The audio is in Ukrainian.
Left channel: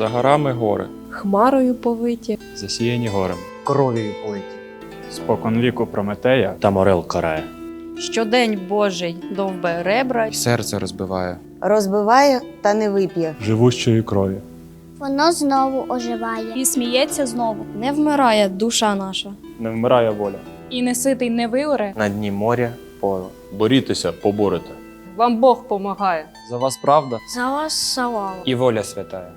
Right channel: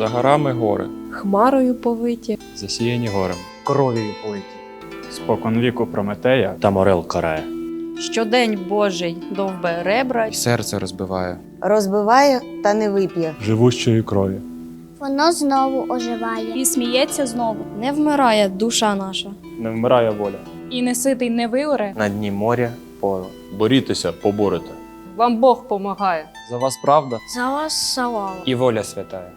За горами гори, хмарою повиті, засіяні горем. кров'ю политі. Спокон віку Прометея та морел карає. Щодень Божий довбе ребра, І серце розбиває. розбиває та не вип'є. живущої крові. Воно знову оживає. і сміється знову. не вмирає душа наша. Не вмирає воля. І неситий не виоре. На дні моря поле. Борітеся, поборете. вам Бог помагає. За вас правда За вас салава. і воля святая.